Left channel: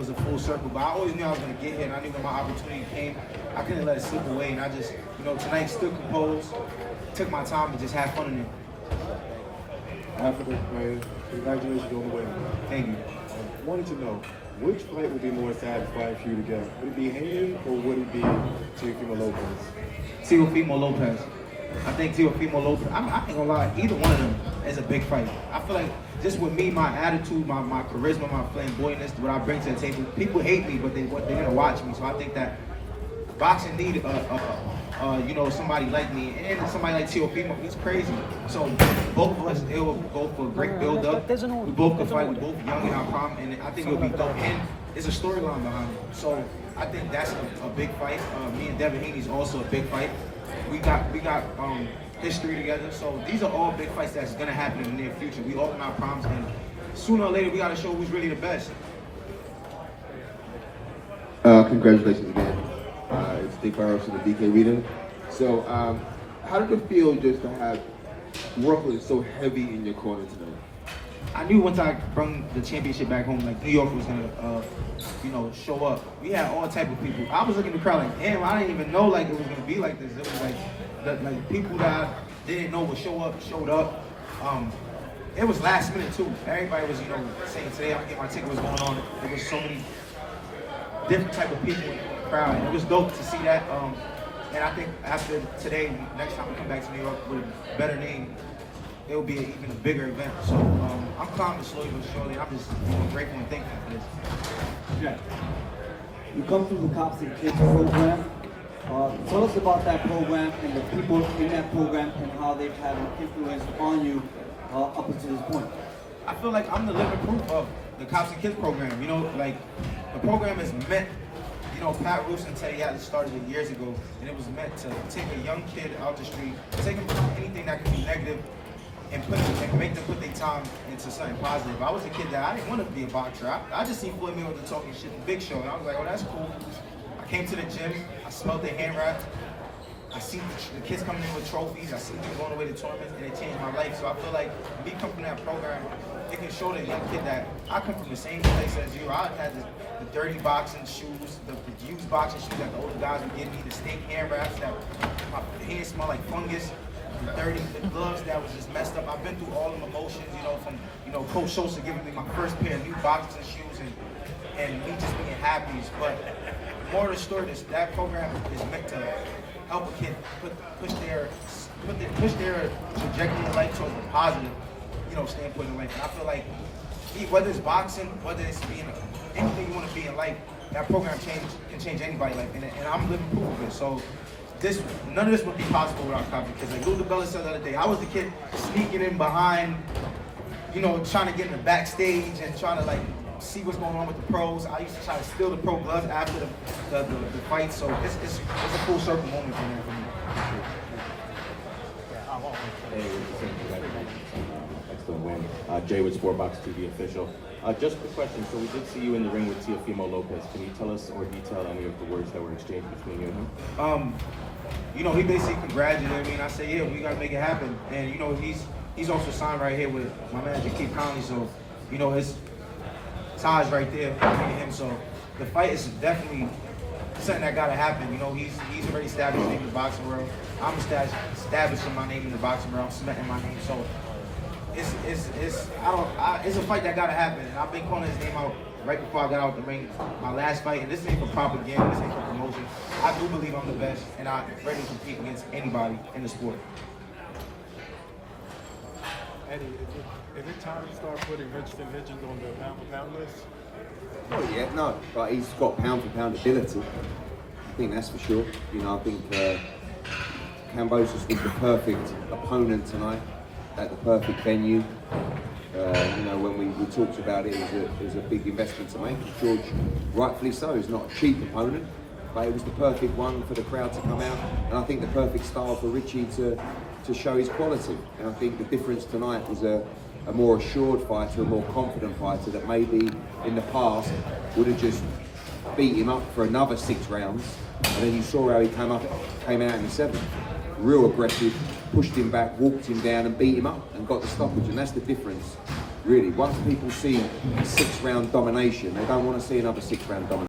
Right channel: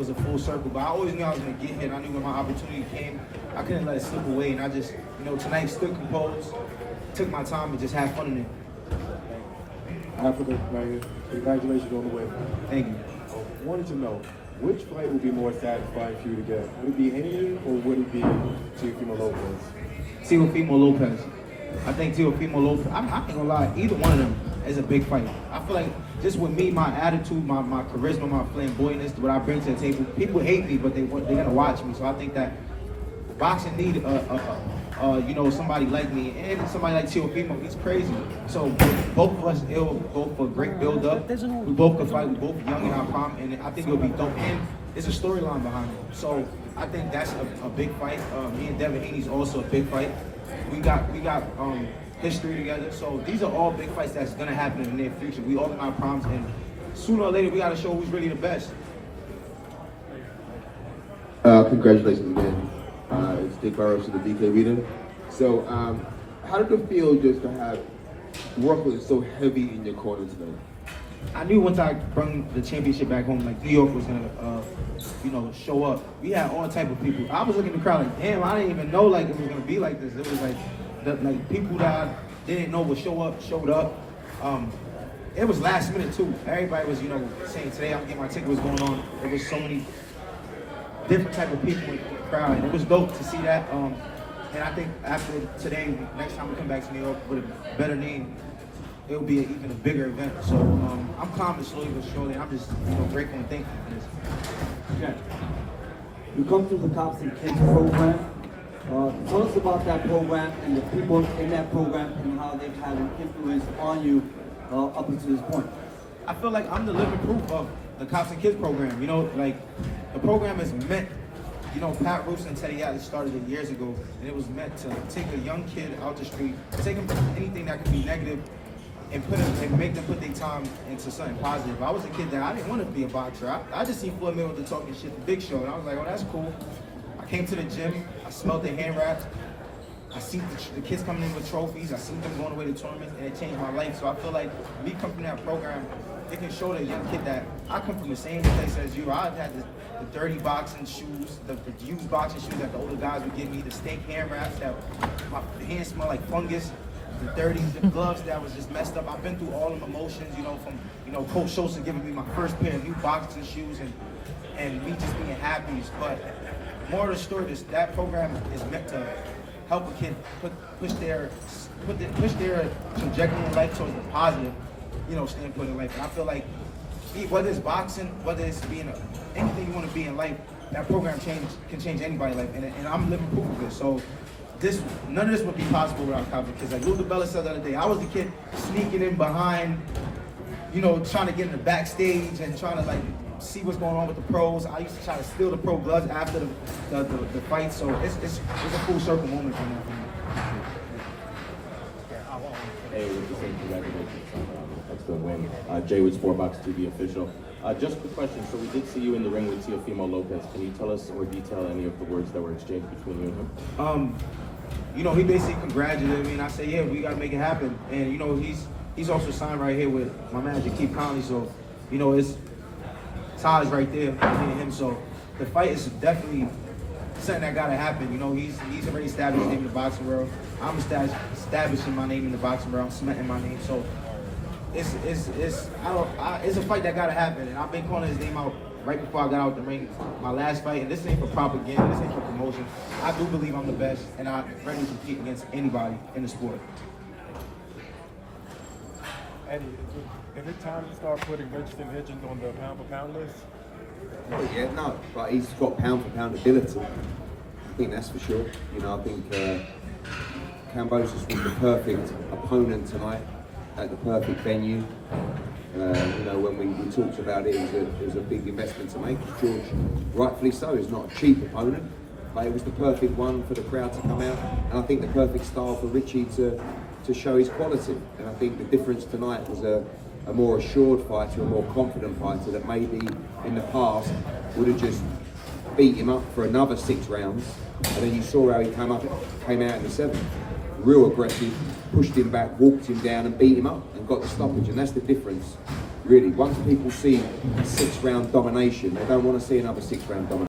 was a full circle, but I always knew I was going to get hit. I knew when my opportunity came, I couldn't let it slip away. And I just, tonight still composed, took my time to just have fun in it. Africa, congratulations on the win. Thank you. I wanted to know, which fight would be more satisfying for you to get? Would it be Haney or would it be Teofimo Lopez? Teofimo Lopez. I think Teofimo Lopez, I ain't gonna lie, either one of them is a big fight. I feel like just with me, my attitude, my charisma, my flamboyantness, what I bring to the table, people hate me, but they're gonna watch me. So I think that boxing need somebody like me and somebody like Teofimo. He's crazy. So both of us will go for a great build up. We both can fight. We both young in our prime, and I think it'll be dope. And there's a storyline behind it. So I think that's a big fight. Me and Devin Haney's also a big fight. We got history together. So these are all big fights that's gonna happen in the near future. We all in our primes, and sooner or later we gotta show who's really the best. Congratulations again. It's Steve Carlos in the DK Arena. So, how did it feel just to have workload so heavy in your corner today? I knew once I brought the championship back home, like New York was gonna, show up. We had all type of people. I was looking at the crowd like, damn, I didn't even know like it was gonna be like this. It was like people that didn't know would showed up. It was last minute too. Everybody was, saying today I'm getting my ticket. What's going on? There was so many different type of people in the crowd. It was dope to see that. And I think after today, next time we come back to New York with a better name, it'll be even a bigger event. So I'm calm slowly but surely. I'm just grateful and thankful for this. Okay. You come through the Cops and Kids program. Tell us about that program and the people in that program and how they've had an influence on you up until this point. I feel like I'm the living proof of the Cops and Kids program. The program is meant. Pat Roos and Teddy Atlas started it years ago, and it was meant to take a young kid out the street, take them from anything that could be negative, and make them put their time into something positive. I was a kid that I didn't want to be a boxer. I just seen Floyd Mayweather talking shit to Big Show, and I was like, oh, that's cool. I came to the gym, I smelled their hand wraps, I seen the kids coming in with trophies, I seen them going away to tournaments, and it changed my life. So I feel like me coming from that program, it can show that young kid that I come from the same place as you. I had the dirty boxing shoes, the used boxing shoes that the older guys would give me, the stink hand wraps that my hands smell like fungus, the gloves that was just messed up. I've been through all the emotions, from Coach Schultz giving me my first pair of new boxing shoes and me just being happy. But more of the story is that program is meant to help a kid push their trajectory in life towards the positive, standpoint in life. And I feel like whether it's boxing, whether it's being anything you want to be in life, that program can change anybody's life, and I'm living proof of it. So none of this would be possible without Cops and Kids. Like Lou DiBella said the other day, I was the kid sneaking in behind, trying to get in the backstage and trying to see what's going on with the pros. I used to try to steal the pro gloves after the fight. So it's a full circle moment for me. Jay with Sportbox TV official. Just a question. So we did see you in the ring with Teofimo Lopez. Can you tell us more detail any of the words that were exchanged between you and him? He basically congratulated me, and I said, yeah, we gotta make it happen. And he's also signed right here with my manager Keith Conley. So his ties right there, me and him. So the fight is definitely something that gotta happen. He's already established his name in the boxing world. I'm establishing my name in the boxing world. I'm cementing my name. So it's a fight that gotta happen, and I've been calling his name out right before I got out the ring. My last fight, and this ain't for propaganda, this ain't for promotion. I do believe I'm the best, and I'm ready to compete against anybody in the sport. Eddie, is it time to start putting Hitchins on the pound-for-pound list? Well, yeah, no, but he's got pound-for-pound ability. I think that's for sure. I think Kambosos was the perfect opponent tonight, at the perfect venue. When we talked about it, it was a big investment to make. George, rightfully so, is not a cheap opponent, but it was the perfect one for the crowd to come out, and I think the perfect style for Richie to show his quality. And I think the difference tonight was a more assured fighter, a more confident fighter that maybe in the past would have just beat him up for another 6 rounds, and then you saw how he came out in the 7th. Real aggressive, pushed him back, walked him down and beat him up and got the stoppage, and that's the difference Really, once people see 6-round domination, they don't want to see another 6-round domination.